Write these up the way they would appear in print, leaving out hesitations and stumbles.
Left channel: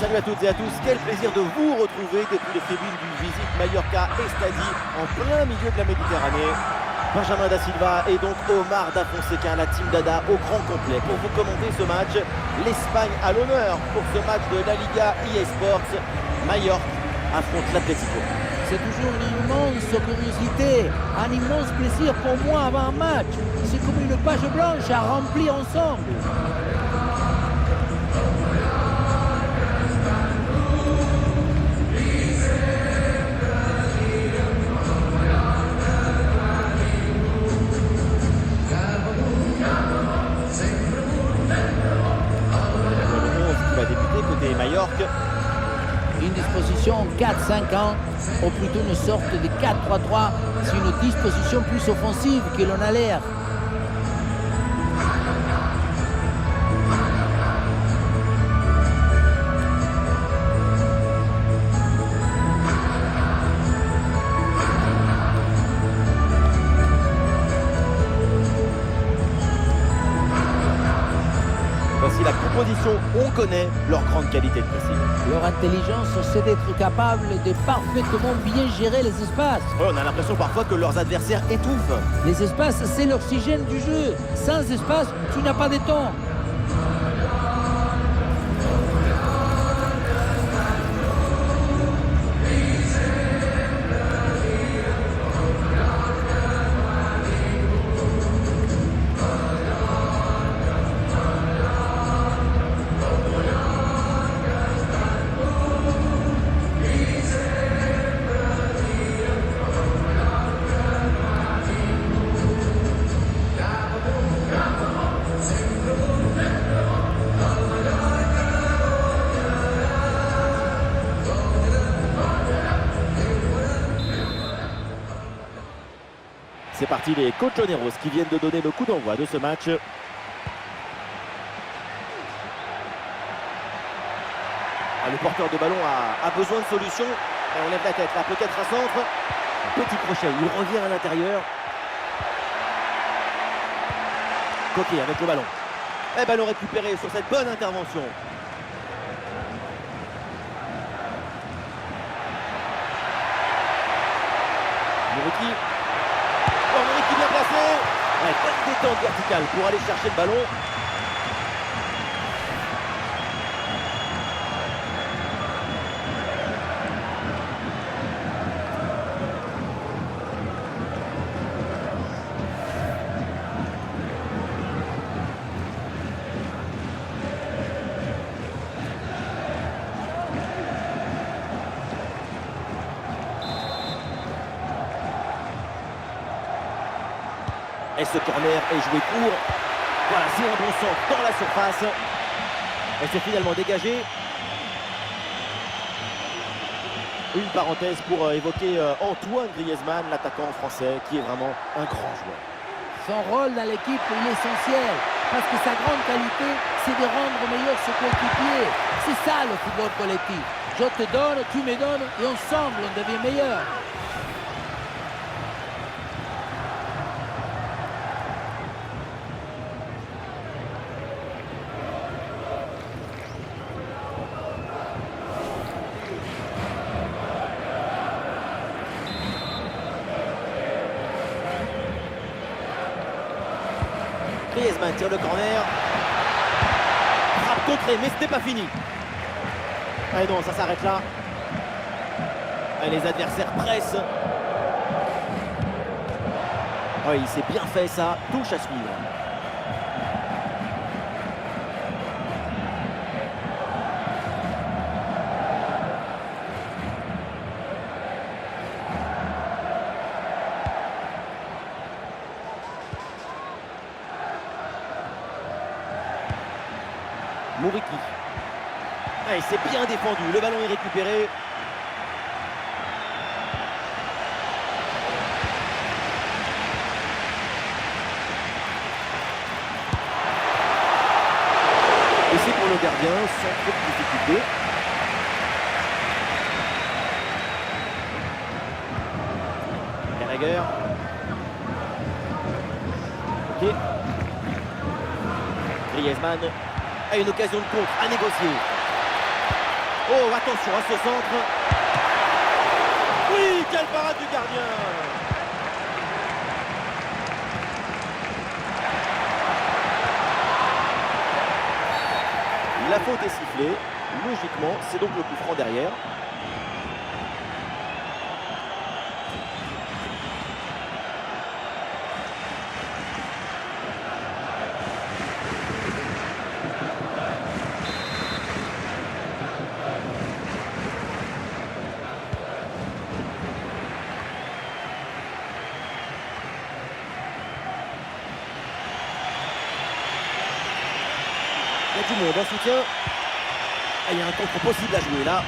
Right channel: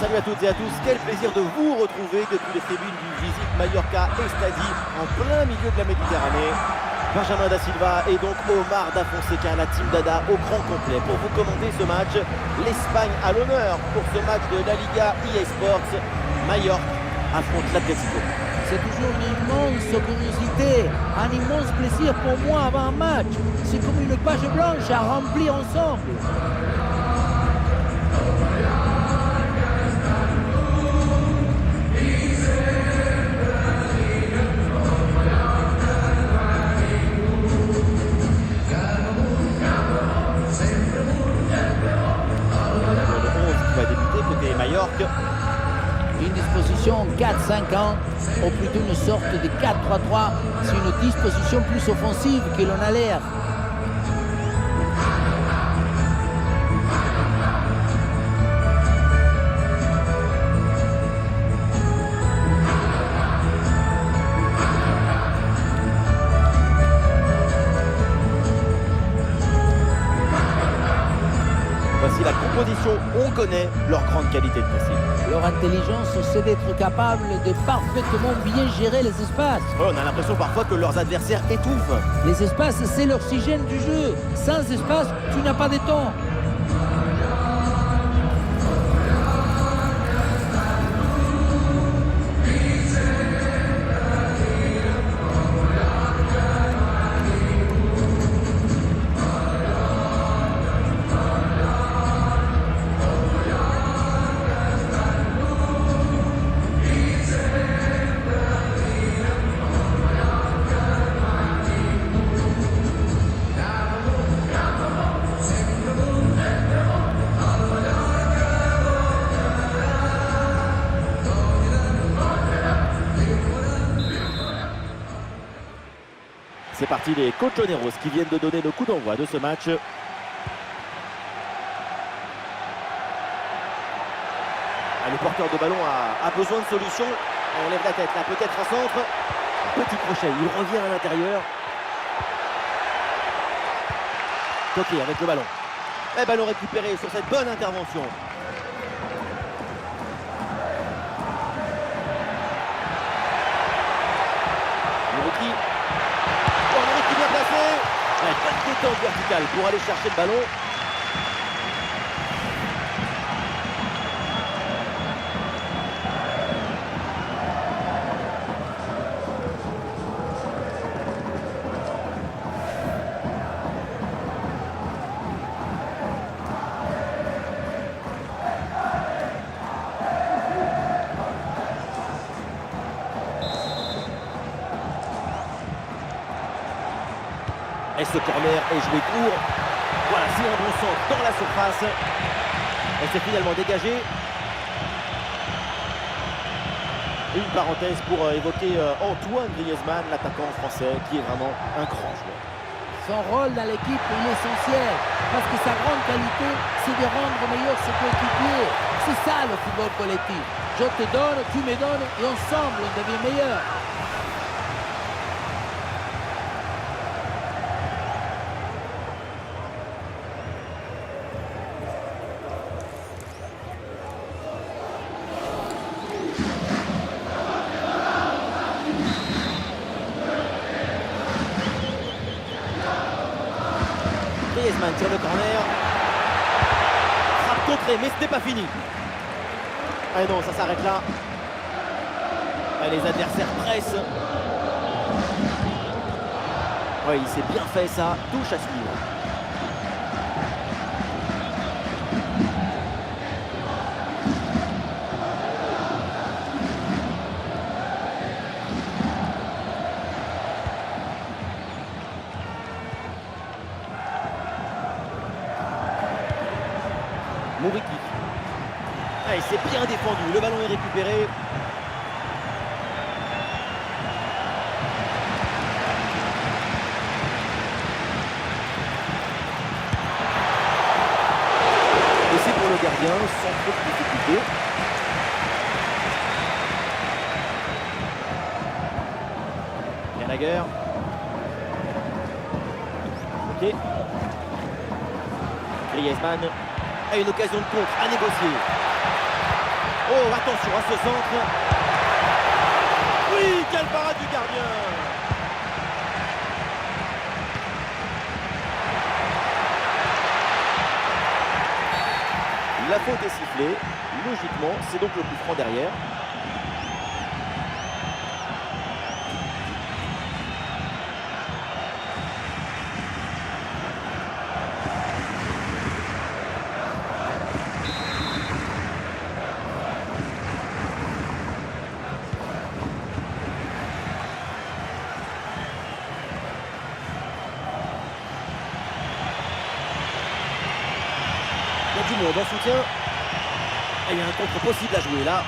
Salut à toutes et à tous, quel plaisir de vous retrouver depuis les tribunes du Visite Mallorca Estadi en plein milieu de la Méditerranée. Benjamin da Silva et donc Omar da Fonseca, la team Dada au grand complet pour vous commenter ce match. L'Espagne à l'honneur pour ce match de la Liga EA Sports. Mallorca affronte l'Atlético. C'est toujours une immense curiosité, un immense plaisir pour moi avant un match. C'est comme une page blanche à remplir ensemble. Le 11 qui va débuter côté Mallorca. Une disposition 4-5-1, ou plutôt une sorte de 4-3-3. C'est une disposition plus offensive que l'on a l'air. Voici la composition, on connaît leur grande qualité de pressing. Leur intelligence, c'est d'être capable de parfaitement bien gérer les espaces. Ouais, on a l'impression parfois que leurs adversaires étouffent. Les espaces, c'est l'oxygène du jeu. Sans espace, tu n'as pas de temps. C'est parti, les Colchoneros qui viennent de donner le coup d'envoi de ce match. Le porteur de ballon a besoin de solutions. Et on lève la tête là, peut-être un centre. Un petit crochet, il revient à l'intérieur. Coquet avec le ballon. Et ballon récupéré sur cette bonne intervention. Mouriki. Oh, Mouriki bien placé. Ouais, bonne détente verticale pour aller chercher le ballon. Et ce corner est joué court. Voilà, c'est un bon centre dans la surface. Et c'est finalement dégagé. Une parenthèse pour évoquer Antoine Griezmann, l'attaquant français, qui est vraiment un grand joueur. Son rôle dans l'équipe, il est essentiel. Parce que sa grande qualité, c'est de rendre meilleur ses coéquipiers. C'est ça le football collectif. Je te donne, tu me donnes, et ensemble, on devient meilleur. Griezmann tire le corner. Frappe contrée, mais ce n'est pas fini. Ah non, ça s'arrête là. Ah, les adversaires pressent. Oui, il s'est bien fait ça. Touche à suivre. Mouriki. Ah, il s'est bien défendu. Le ballon est récupéré. Et c'est pour le gardien sans trop de difficulté. Gallagher. Ok. Griezmann a une occasion de contre à négocier. Oh, attention à ce centre. Oui, quelle parade du gardien. La faute est sifflée. Logiquement, c'est donc le coup franc derrière. Il y a du monde en soutien. Et il y a un contre possible à jouer là.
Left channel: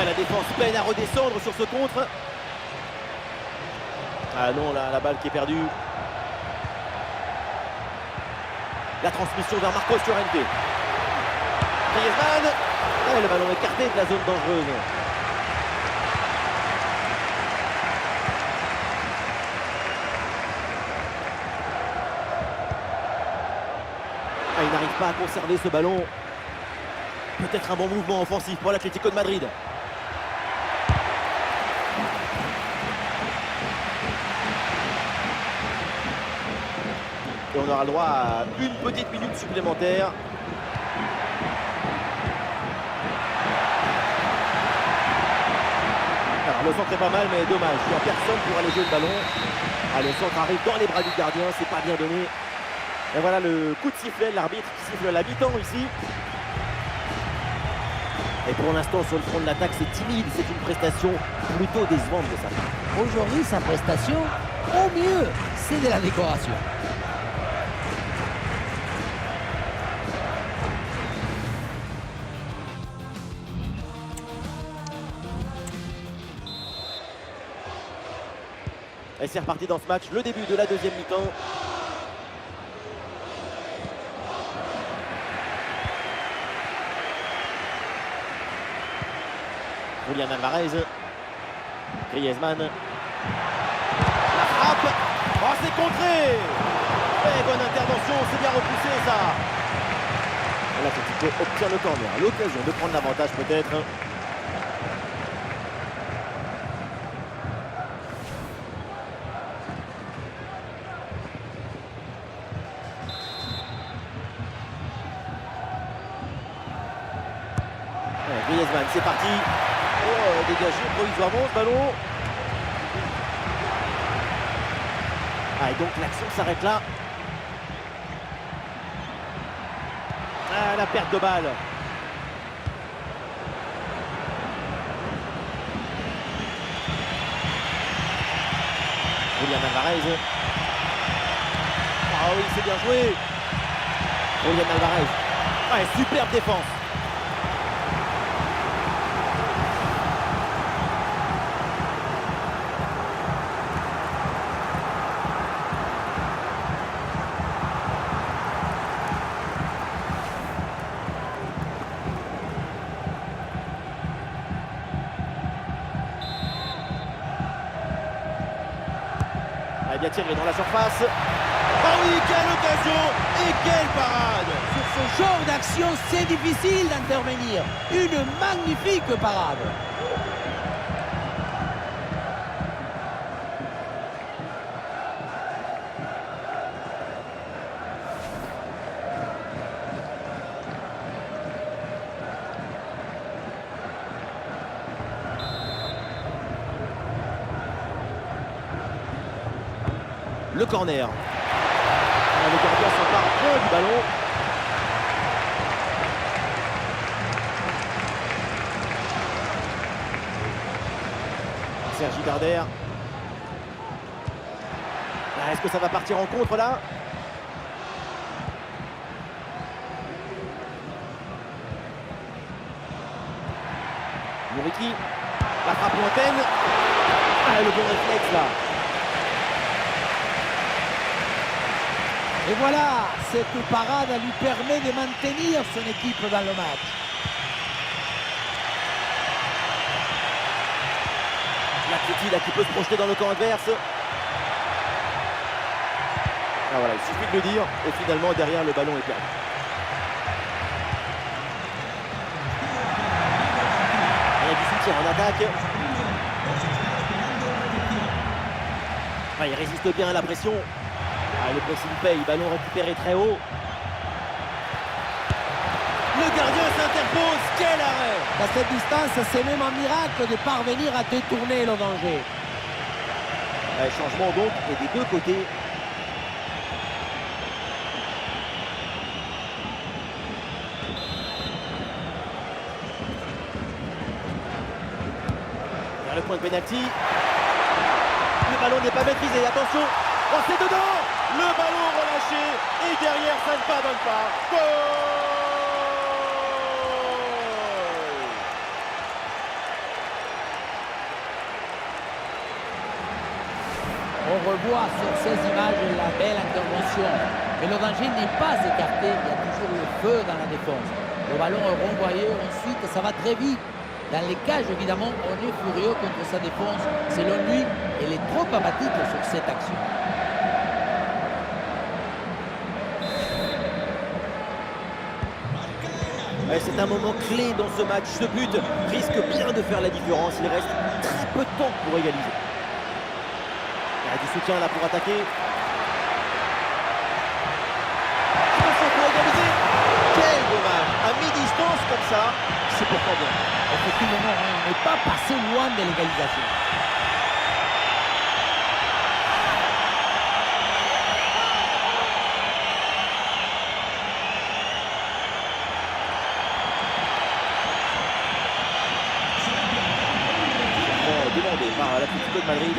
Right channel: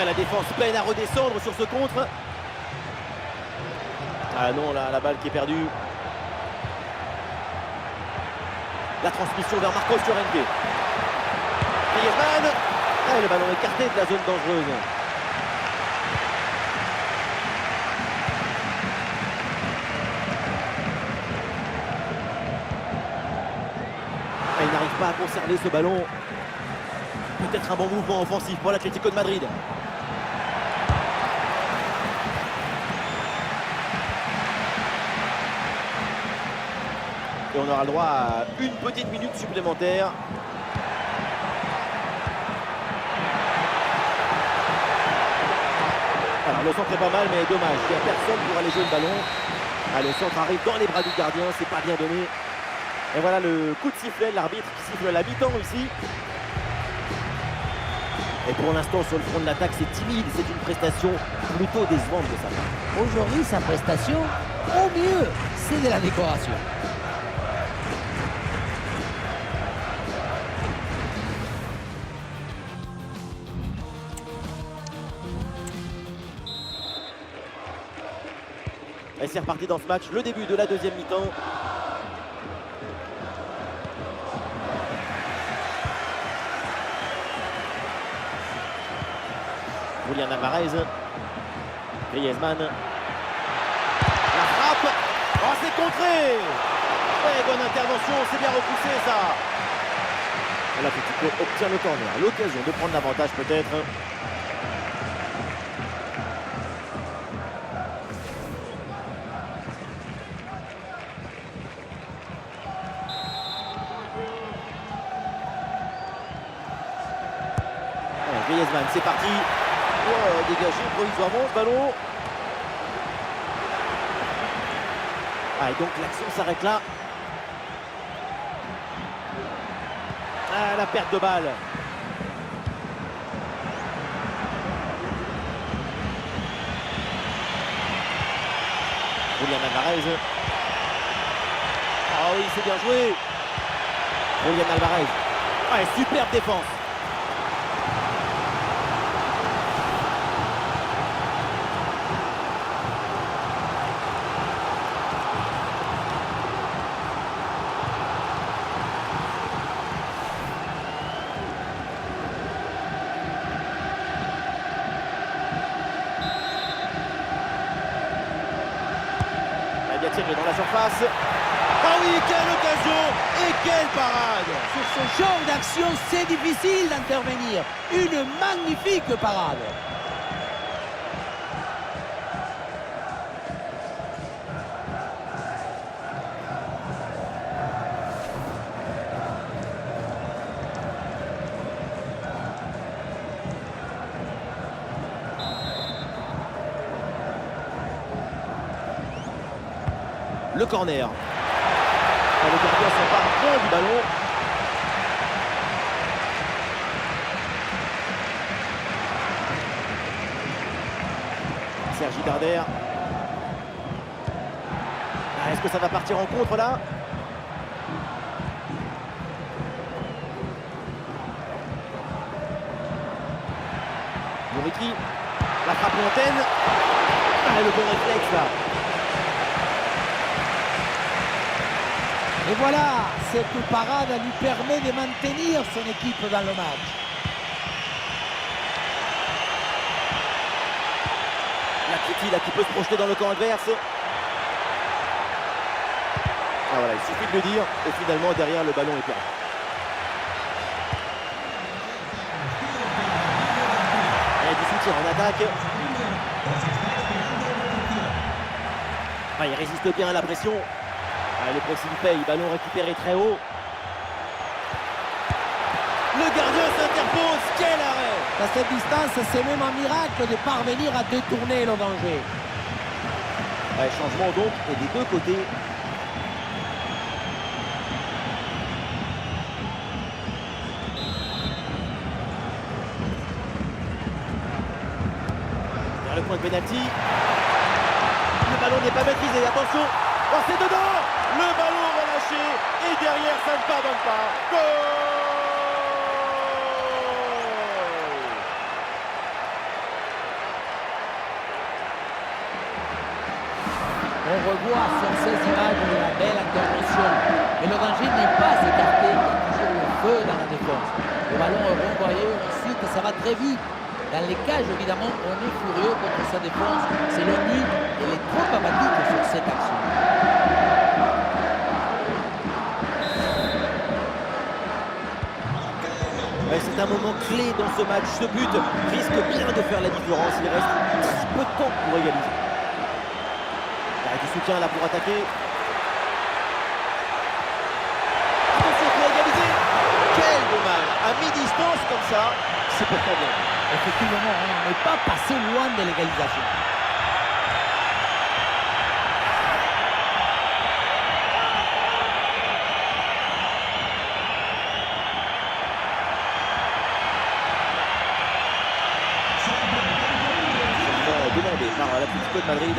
Et la défense peine à redescendre sur ce contre. Ah non, là, la balle qui est perdue. La transmission vers Marcos Llorente. Griezmann. Et le ballon écarté de la zone dangereuse. Il n'arrive pas à conserver ce ballon. Peut-être un bon mouvement offensif pour l'Atlético de Madrid. Et on aura le droit à une petite minute supplémentaire. Alors le centre est pas mal, mais dommage. Il n'y a personne pour aller jouer le ballon. Ah, le centre arrive dans les bras du gardien, c'est pas bien donné. Et voilà le coup de sifflet, l'arbitre qui siffle la mi-temps ici. Et pour l'instant, sur le front de l'attaque, c'est timide. C'est une prestation plutôt décevante de sa part. Aujourd'hui, sa prestation, au mieux, c'est de la décoration. Et c'est reparti dans ce match, le début de la deuxième mi-temps. Julián Alvarez. Griezmann. La frappe. Oh, c'est contré. Et bonne intervention, c'est bien repoussé ça. Et l'Atlético obtient le corner. L'occasion de prendre l'avantage peut-être. Griezmann, c'est parti. Oh, dégagé provisoirement ce ballon. Ah, et donc l'action s'arrête là. Ah, la perte de balle. Julián Alvarez. Ah oui, c'est bien joué. Julián Alvarez. Ouais, superbe défense. Bien tiré dans la surface. Ah oui, quelle occasion et quelle parade! Sur ce genre d'action, c'est difficile d'intervenir. Une magnifique parade. Le corner. Le gardien s'empare bien du ballon. Sergi Darder. Ah, est-ce que ça va partir en contre là? Muriqui. La frappe lointaine. Ah, le bon réflexe là. Et voilà, cette parade lui permet de maintenir son équipe dans le match. L'Atleti là qui peut se projeter dans le camp adverse. Ah voilà, il suffit de le dire et finalement derrière le ballon est perdu. a du soutien en attaque. Il résiste bien à la pression. Le pressing paye, ballon récupéré très haut. Le gardien s'interpose, quel arrêt! À cette distance, c'est même un miracle de parvenir à détourner le danger. Changement donc, et des deux côtés. Vers le point de pénalty. Le ballon n'est pas maîtrisé, attention! Oh, c'est dedans! Le ballon relâché, et derrière, ça ne pardonne pas. Goal! On revoit sur ces images la belle intervention. Mais le danger n'est pas écarté, il y a toujours le feu dans la défense. Le ballon est renvoyé, ensuite ça va très vite. Dans les cages, évidemment, on est furieux contre sa défense. Selon lui, elle est trop apathique sur cette action. C'est un moment clé dans ce match. Ce but risque bien de faire la différence. Il reste très peu de temps pour égaliser. Il y a du soutien là pour attaquer. Attention pour égaliser. Quel dommage. À mi-distance comme ça, c'est pourtant bien. Effectivement, on n'est pas passé loin de l'égalisation. Demandé par l'Atlético de Madrid.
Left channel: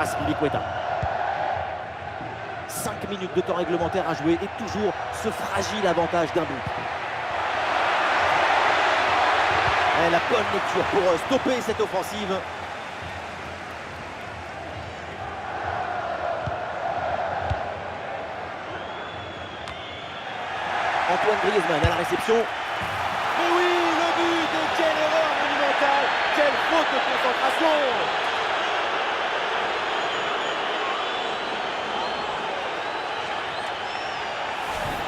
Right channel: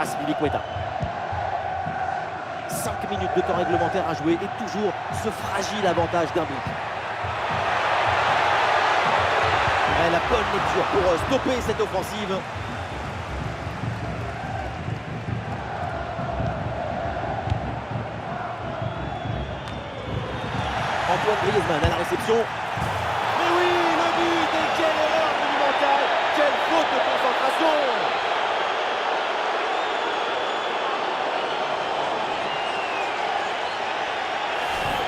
Azpilicueta. 5 minutes de temps réglementaire à jouer et toujours ce fragile avantage d'un but. La bonne lecture pour stopper cette offensive. Antoine Griezmann à la réception. Mais oui, le but! Et quelle erreur monumentale! Quelle faute de concentration!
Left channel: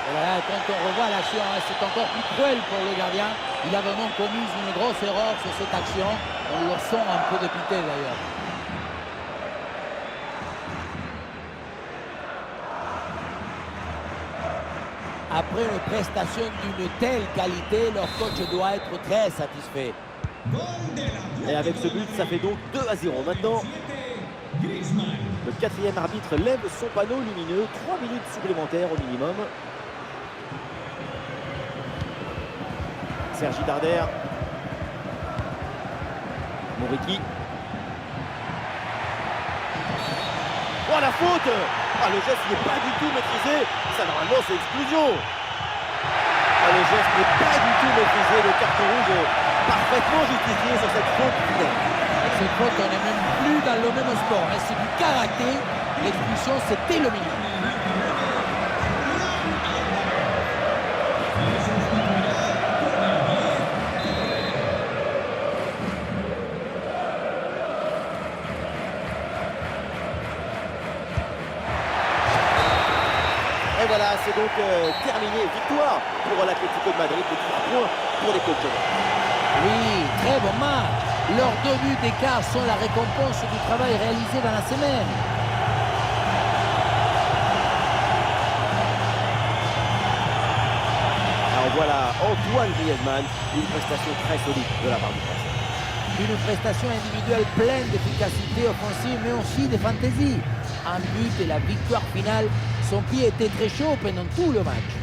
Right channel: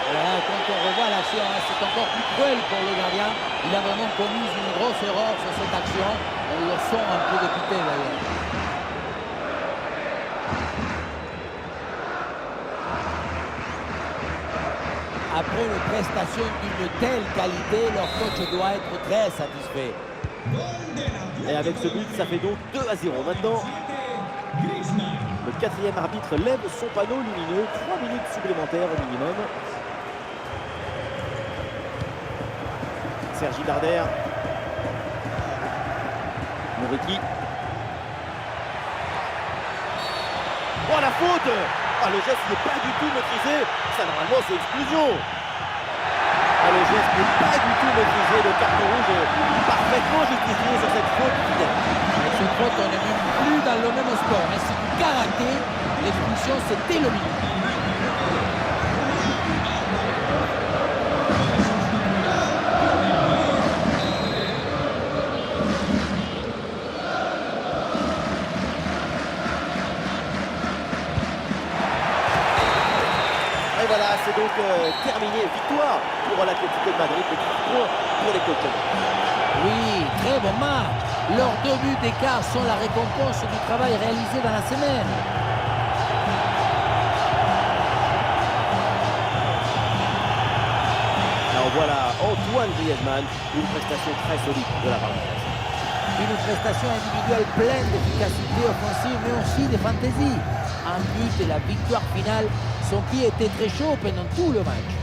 Voilà, quand on revoit l'action, c'est encore plus cruel pour le gardien. Il a vraiment commis une grosse erreur sur cette action. On le sent un peu dépité d'ailleurs. Après une prestation d'une telle qualité, leur coach doit être très satisfait. Et avec ce but, ça fait donc 2-0 maintenant. Le quatrième arbitre lève son panneau lumineux. 3 minutes supplémentaires au minimum. Sergi Darder. Moriki. Oh la faute! Le geste n'est pas du tout maîtrisé. Ça normalement c'est exclusion. Le geste n'est pas du tout maîtrisé. Le carton rouge est parfaitement justifié sur cette faute vilaine. Avec cette faute, on n'est même plus dans le même sport. Mais c'est du karaté. L'expulsion, c'était le minimum. Et voilà, c'est donc terminé. Victoire pour l'Atlético de Madrid, de 3 points pour les colchonneros. Oui, très bon match. Leurs 2 buts d'écart sont la récompense du travail réalisé dans la semaine. Alors voilà, Antoine Griezmann, une prestation très solide de la part du Français. Une prestation individuelle pleine d'efficacité offensive, mais aussi de fantaisie. Un but et la victoire finale, son pied était très chaud pendant tout le match.